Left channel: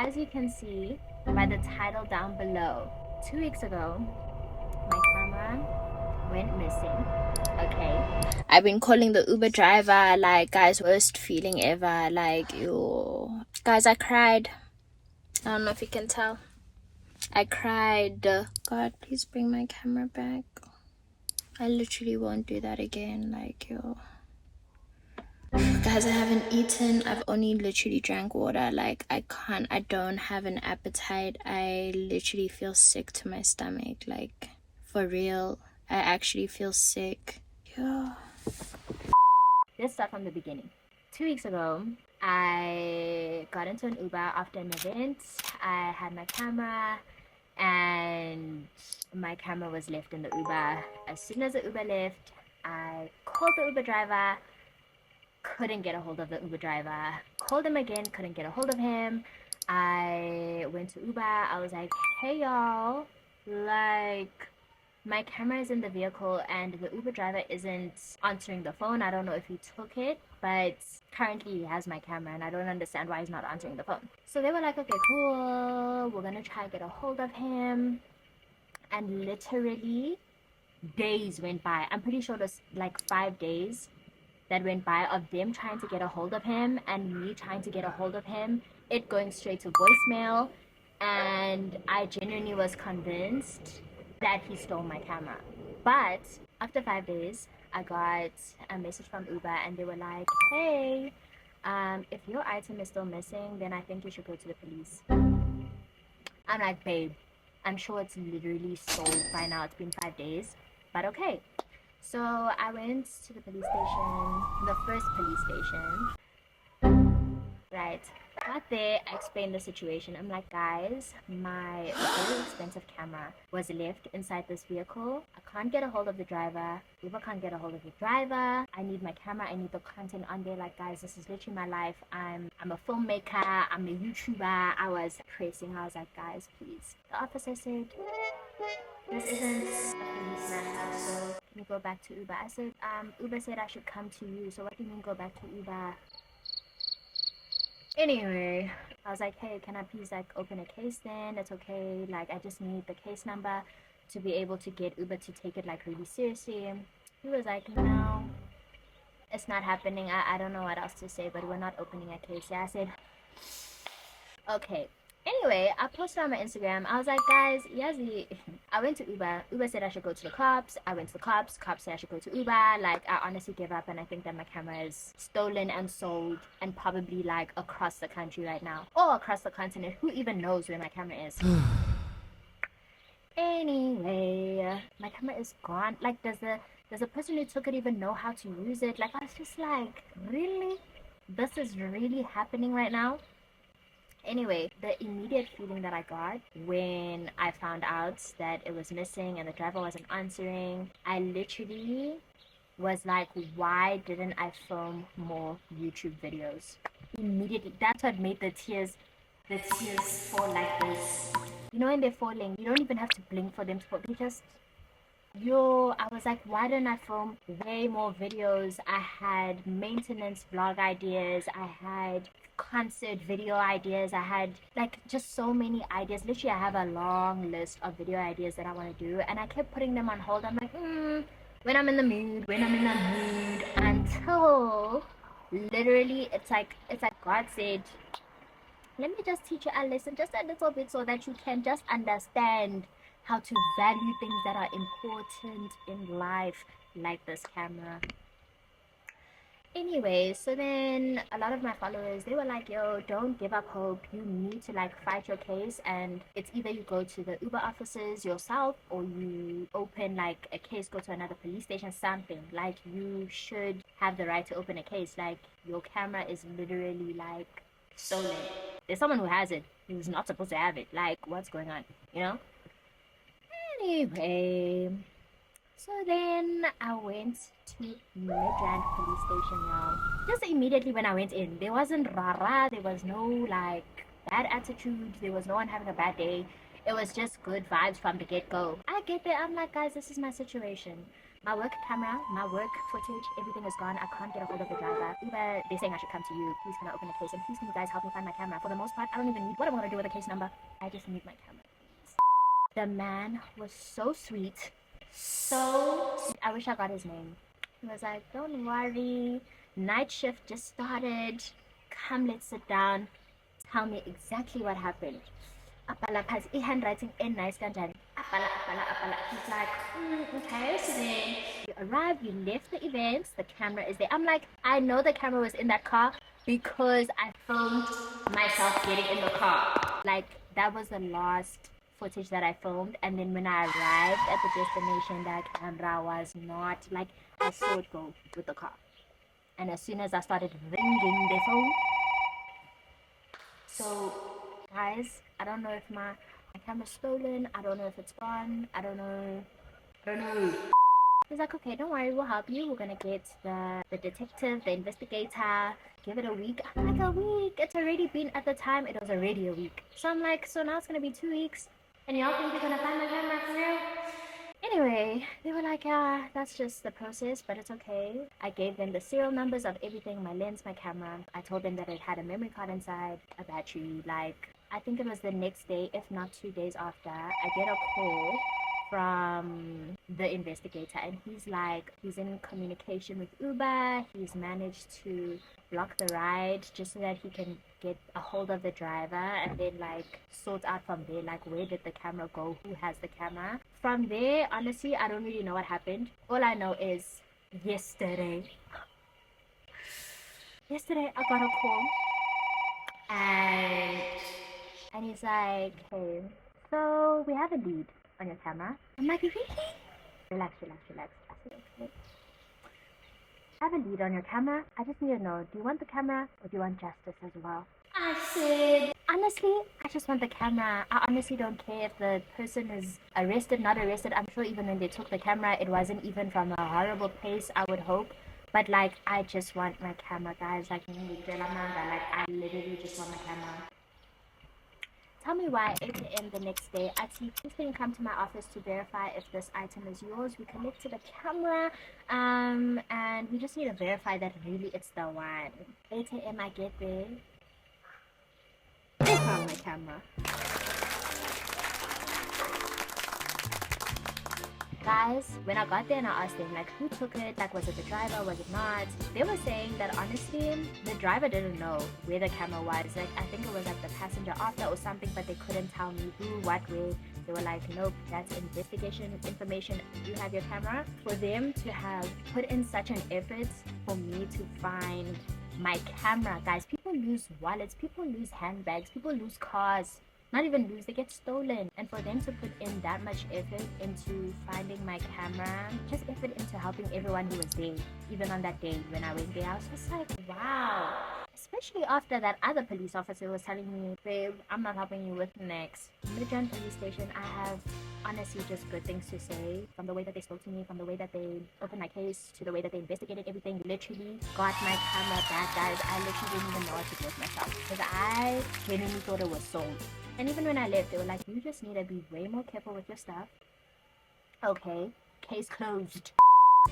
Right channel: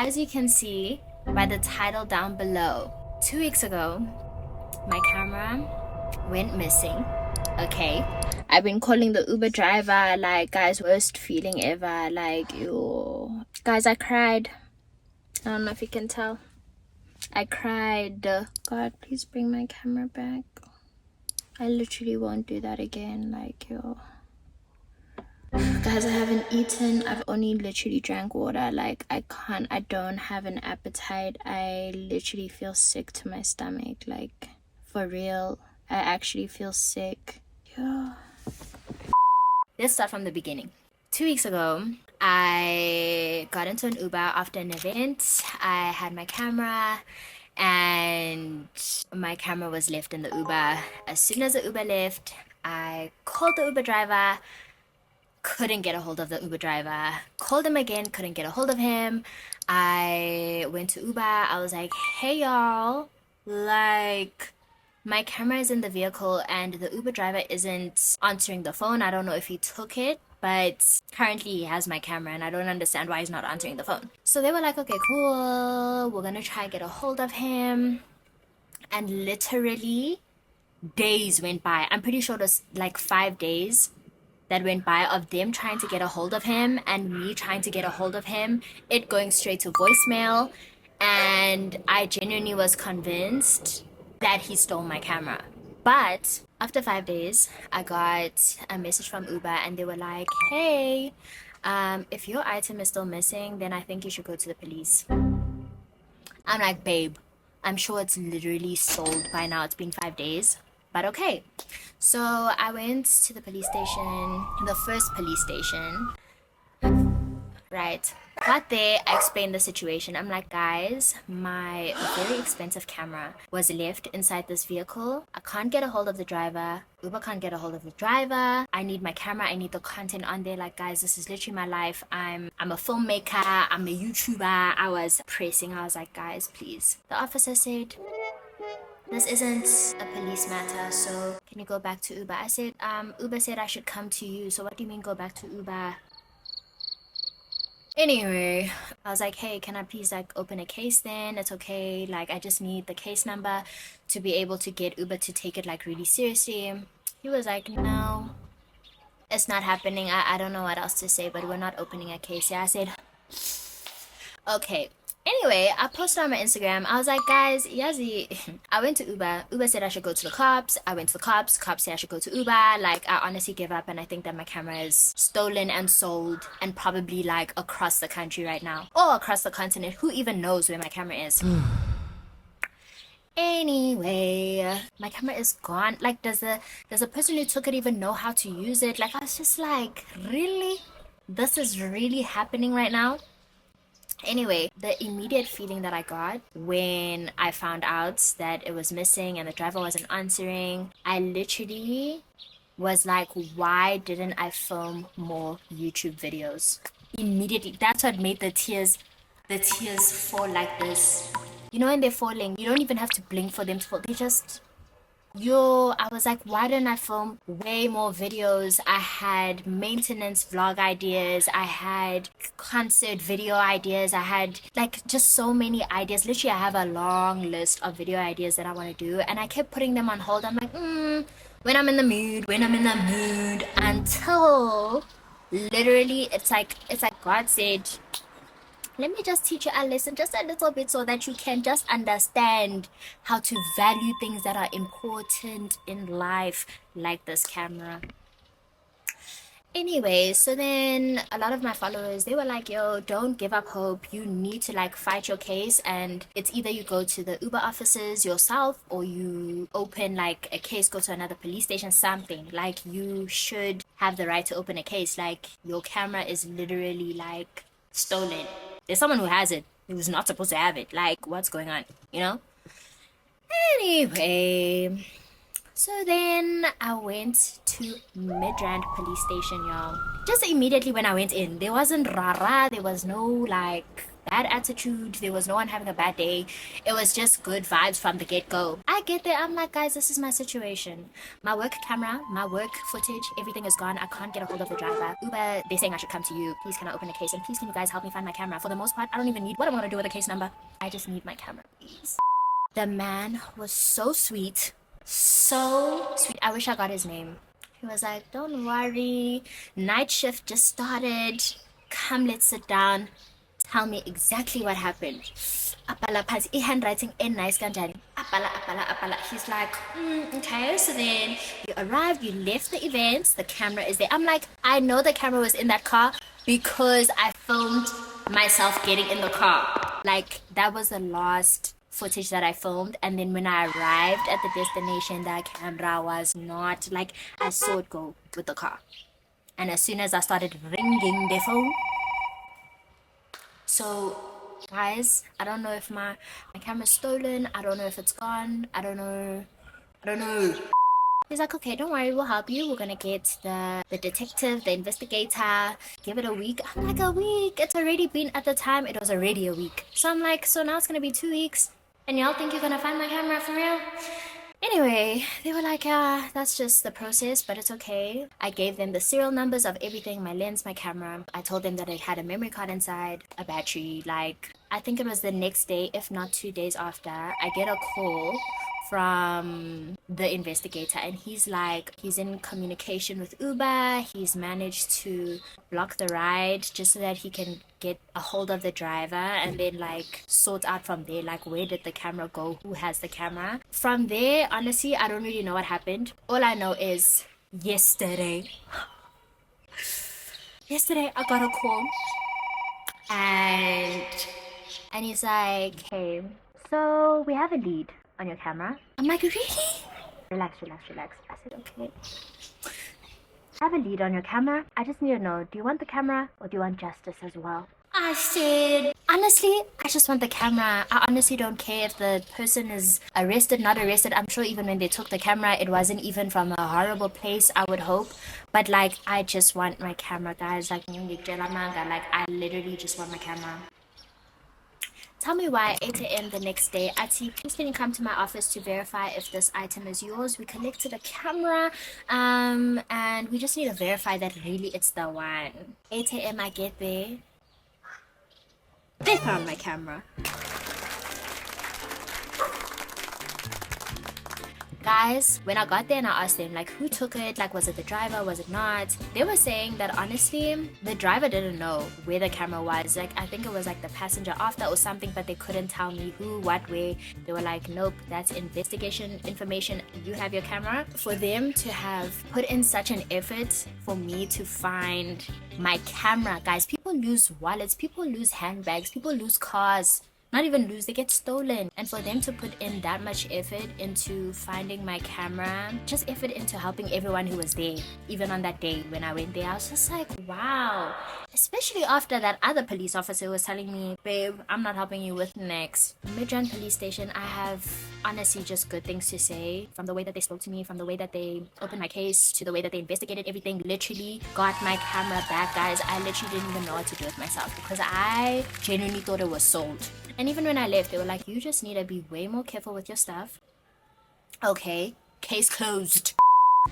as you can see by the title down below, 2 weeks ago, my camera went missing. Okay, I've been calling the Uber driver, like, guys, worst feeling ever. Like, yo, guys, I cried. I don't know if you can tell. I cried. God, please bring my camera back. I literally won't do that again. Like, yo, guys, I haven't eaten. I've only literally drank water. Like, I don't have an appetite. I literally feel sick to my stomach. Like, for real, I actually feel sick. Yeah. Let's start from the beginning. 2 weeks ago, I got into an Uber after an event. I had my camera and my camera was left in the Uber. As soon as the Uber left, I called the Uber driver, couldn't get a hold of the Uber driver. Called him again, couldn't get a hold of him. I went to Uber. I was like, hey y'all, like, my camera is in the vehicle and the Uber driver isn't answering the phone. I don't know if he took it, but currently he has my camera and I don't understand why he's not answering the phone. So they were like, okay, cool, we're gonna try and get a hold of him. And literally days went by. I'm pretty sure it was like 5 days that went by of them trying to get a hold of him and me trying to get a hold of him, it going straight to voicemail, and I genuinely was convinced that he stole my camera. But after 5 days, I got a message from Uber and they were like, hey, if your item is still missing, then I think you should go to the police. I'm like, babe, I'm sure it's literally sold by now. It's been 5 days, but okay. So I went to the police station, the first police station. Right. Got there, I explained the situation. I'm like, guys, my very expensive camera was left inside this vehicle. I can't get a hold of the driver. Uber can't get a hold of the driver. I need my camera. I need the content on there. Like, guys, this is literally my life. I'm a filmmaker. I'm a YouTuber. I was pressing. I was like, guys, please. The officer said, this isn't a police matter, so can you go back to Uber? I said, Uber said I should come to you. So what do you mean go back to Uber? Anyway, I was like, hey, can I please like open a case then? It's okay. Like, I just need the case number to be able to get Uber to take it like really seriously. He was like, no, it's not happening. I don't know what else to say, but we're not opening a case. Yeah, I said, okay. Anyway, I posted on my Instagram. I was like, guys, Yazi, I went to Uber. Uber said I should go to the cops. I went to the cops. Cops said I should go to Uber. Like, I honestly gave up and I think that my camera is stolen and sold and probably like across the country right now or across the continent. Who even knows where my camera is? Anyway, my camera is gone. Like, does the person who took it even know how to use it? Like, I was just like, really? This is really happening right now? Anyway, the immediate feeling that I got when I found out that it was missing and the driver wasn't answering, I literally was like, why didn't I film more YouTube videos? Immediately, that's what made the tears fall like this. You know, when they're falling, you don't even have to blink for them to fall. They just... Yo, I was like, why didn't I film way more videos? I had maintenance vlog ideas. I had concert video ideas. I had like just so many ideas. Literally, I have a long list of video ideas that I want to do. And I kept putting them on hold. I'm like, when I'm in the mood, until literally it's like God said, let me just teach you a lesson just a little bit so that you can just understand how to value things that are important in life, like this camera. Anyway, so then a lot of my followers, they were like, yo, don't give up hope. You need to like fight your case, and it's either you go to the Uber offices yourself or you open like a case, go to another police station, something. Like, you should have the right to open a case. Like, your camera is literally like stolen. There's someone who has it who's not supposed to have it. Like, what's going on, you know? Anyway, so then I went to Midrand police station, y'all. Just immediately when I went in, there wasn't rara, there was no like bad attitude, there was no one having a bad day. It was just good vibes from the get-go. I get there, I'm like, guys, this is my situation. My work camera, my work footage, everything is gone. I can't get a hold of the driver. Uber, they're saying I should come to you. Please, can I open a case? And please, can you guys help me find my camera? For the most part, I don't even need what I'm gonna do with a case number. I just need my camera, please. The man was so sweet. So sweet. I wish I got his name. He was like, don't worry. Night shift just started. Come, let's sit down. Tell me exactly what happened. Apala pants, handwriting and nice kanjani. Apala. He's like, okay, so then you arrived, you left the event, the camera is there. I'm like, I know the camera was in that car because I filmed myself getting in the car. Like, that was the last footage that I filmed, and then when I arrived at the destination, that camera was not, like, I saw it go with the car. And as soon as I started ringing the phone, so guys, I don't know if my camera's stolen. I don't know if it's gone. I don't know. He's like, okay, don't worry, we'll help you. We're gonna get the detective, the investigator. Give it a week. I'm like, a week? It's already been, at the time, it was already a week. So I'm like, so now it's gonna be 2 weeks. And y'all think you're gonna find my camera for real? Anyway, they were like, that's just the process, but it's okay. I gave them the serial numbers of everything, my lens, my camera. I told them that it had a memory card inside, a battery. Like, I think it was the next day, if not 2 days after, I get a call from the investigator, and he's like, he's in communication with Uber. He's managed to block the ride just so that he can get a hold of the driver, and then like sort out from there, like, where did the camera go, who has the camera. From there, honestly, I don't really know what happened. All I know is yesterday I got a call, and he's like, hey, so we have a lead on your camera. I'm like, really? Relax. I said, okay. I have a lead on your camera. I just need to know, do you want the camera or do you want justice as well? I said, honestly, I just want the camera. I honestly don't care if the person is arrested, not arrested. I'm sure even when they took the camera, it wasn't even from a horrible place, I would hope. But like, I just want my camera, guys. Like, I literally just want my camera. Tell me why 8 a.m. the next day, Ati, please can you come to my office to verify if this item is yours? We collected a camera, and we just need to verify that really it's the one. 8 a.m. I get there. They found my camera. Guys, when I got there and I asked them, like, who took it? Like, was it the driver? Was it not? They were saying that, honestly, the driver didn't know where the camera was. Like, I think it was, like, the passenger after or something, but they couldn't tell me who, what, where. They were like, nope, that's investigation information. You have your camera. For them to have put in such an effort for me to find my camera, guys, people lose wallets, people lose handbags, people lose cars. Not even lose, they get stolen. And for them to put in that much effort into finding my camera, just effort into helping everyone who was there, even on that day when I went there, I was just like, wow. Especially after that other police officer was telling me, babe, I'm not helping you with next. Midrand police station, I have honestly just good things to say. From the way that they spoke to me, from the way that they opened my case, to the way that they investigated everything, literally got my camera back, guys. I literally didn't even know what to do with myself because I genuinely thought it was sold. And even when I left, they were like, you just need to be way more careful with your stuff. Okay, case closed.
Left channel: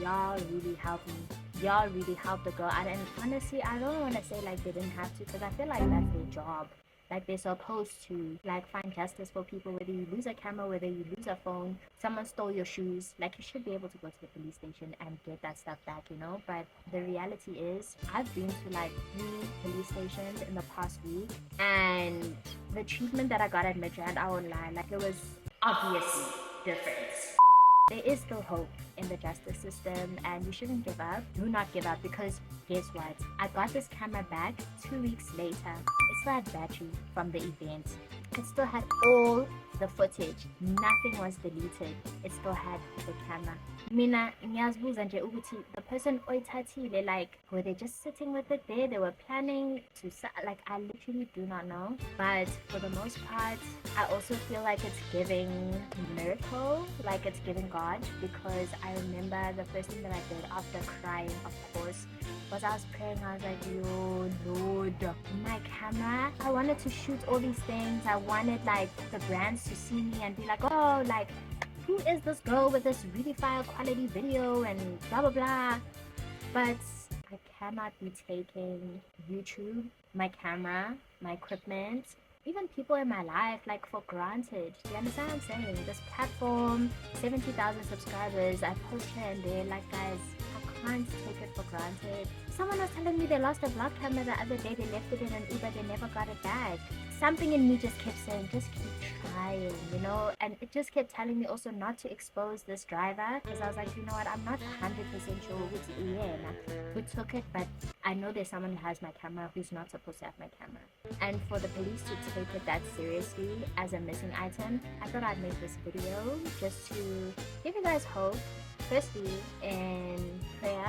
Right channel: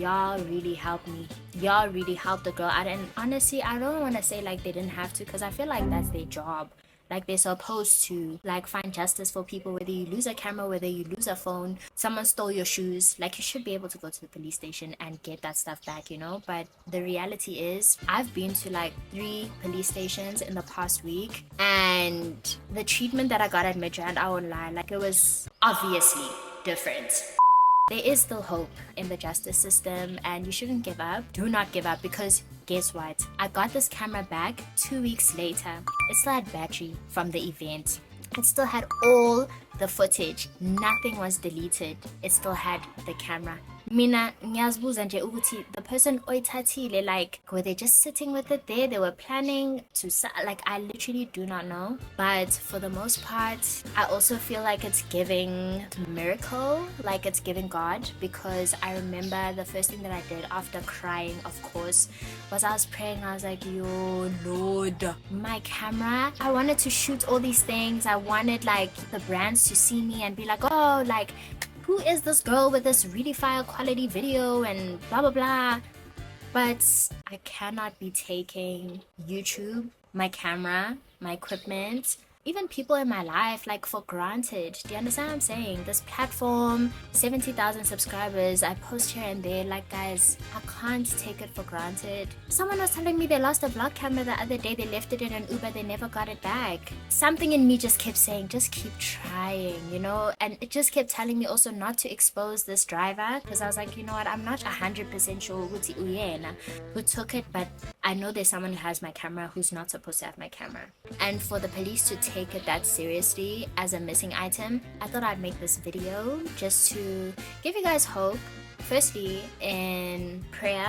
Y'all really helped me. Y'all really helped the girl out. And honestly, I don't want to say like they didn't have to, because I feel like that's their job. Like, they're supposed to like find justice for people, whether you lose a camera, whether you lose a phone, someone stole your shoes. Like, you should be able to go to the police station and get that stuff back, you know. But the reality is, I've been to like 3 police stations in the past week, and the treatment that I got at Midrand, I won't lie, like, it was obviously different. There is still hope in the justice system, and you shouldn't give up. Do not give up, because guess what? I got this camera back 2 weeks later. It still had battery from the event. It still had all the footage. Nothing was deleted. It still had the camera. Mina ngiyazibuza nje ukuthi the person oyithathile, like, were they just sitting with it there? They were planning to, like, I literally do not know. But for the most part, I also feel like it's giving miracle, like it's giving God, because I remember the first thing that I did after crying, of course, was I was praying. I was like, yo, Lord, my camera. I wanted to shoot all these things. I wanted like the brands to see me and be like, oh, like, who is this girl with this really fire quality video and blah blah blah. But I cannot be taking YouTube, my camera, my equipment, even people in my life like for granted. Do you understand what I'm saying? This platform, 70,000 subscribers, I post here and there. Like, guys, I can't take it for granted. Someone was telling me they lost a vlog camera the other day. They left it in an Uber, they never got it back. Something in me just kept saying, just keep trying, you know? And it just kept telling me also not to expose this driver, because I was like, you know what, I'm not 100% sure who took it, but I know there's someone who has my camera who's not supposed to have my camera. And for the police to take it that seriously as a missing item, I thought I'd make this video just to give you guys hope. Firstly, in prayer,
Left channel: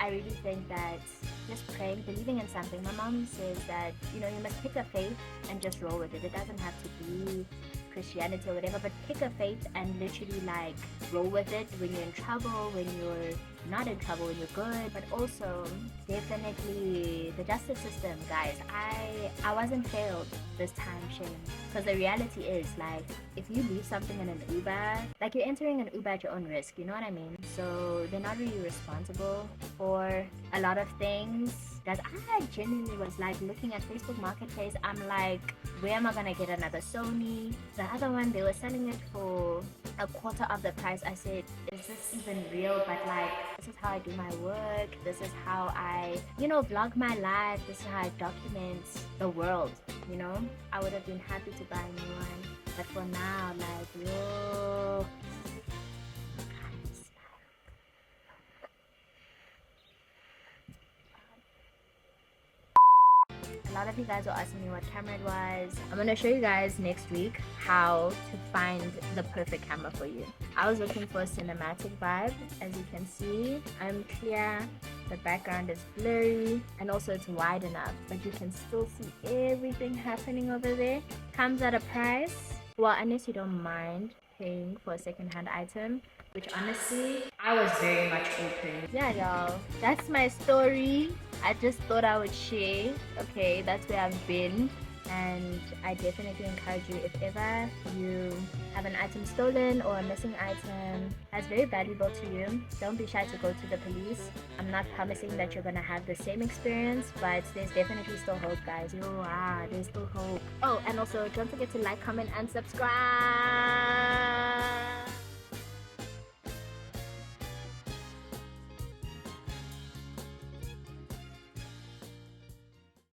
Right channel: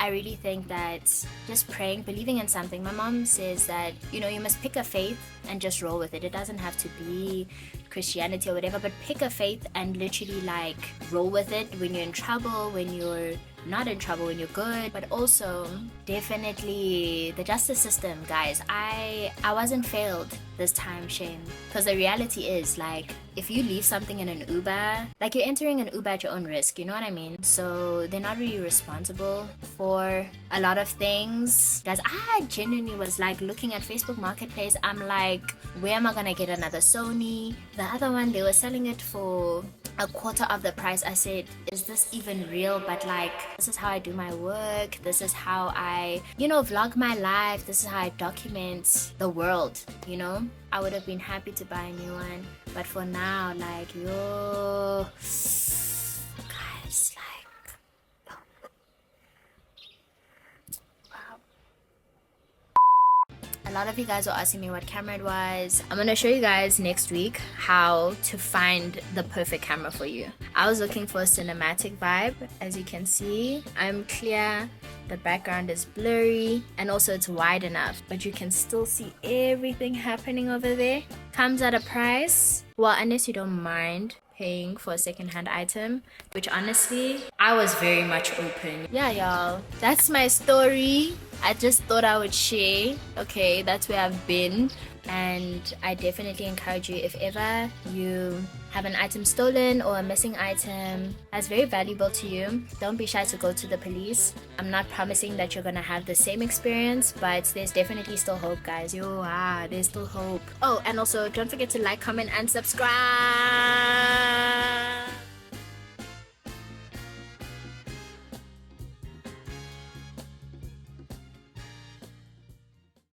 I really think that just praying, believing in something. My mom says that, you know, you must pick a faith and just roll with it. It doesn't have to be Christianity or whatever, but pick a faith and literally like roll with it when you're in trouble, when you're not in trouble, when you're good. But also definitely the justice system, guys. I wasn't failed this time, shame, because the reality is, like, if you leave something in an Uber, like, you're entering an Uber at your own risk, you know what I mean? So they're not really responsible for a lot of things. Guys, I genuinely was like looking at Facebook Marketplace, I'm like, where am I gonna get another Sony? The other one, they were selling it for a quarter of the price. I said, is this even real? But like, this is how I do my work, this is how I, you know, vlog my life, this is how I document the world, you know? I would have been happy to buy a new one, but for now, like, yo, guys, like, wow. A lot of you guys were asking me what camera it was. I'm gonna show you guys next week how to find the perfect camera for you. I was looking for a cinematic vibe. As you can see, I'm clear, the background is blurry, and also it's wide enough, but you can still see everything happening over there. Comes at a price, well, unless you don't mind paying for a second-hand item, which honestly, I was very much open. Yeah, y'all, that's my story. I just thought I would share. Okay, that's where I've been, and I definitely encourage you, if ever you have an item stolen or a missing item that's very valuable to you, don't be shy to go to the police. I'm not promising that you're gonna have the same experience, but there's definitely still hope, guys. There's still hope. Oh, and also don't forget to like, comment, and subscribe.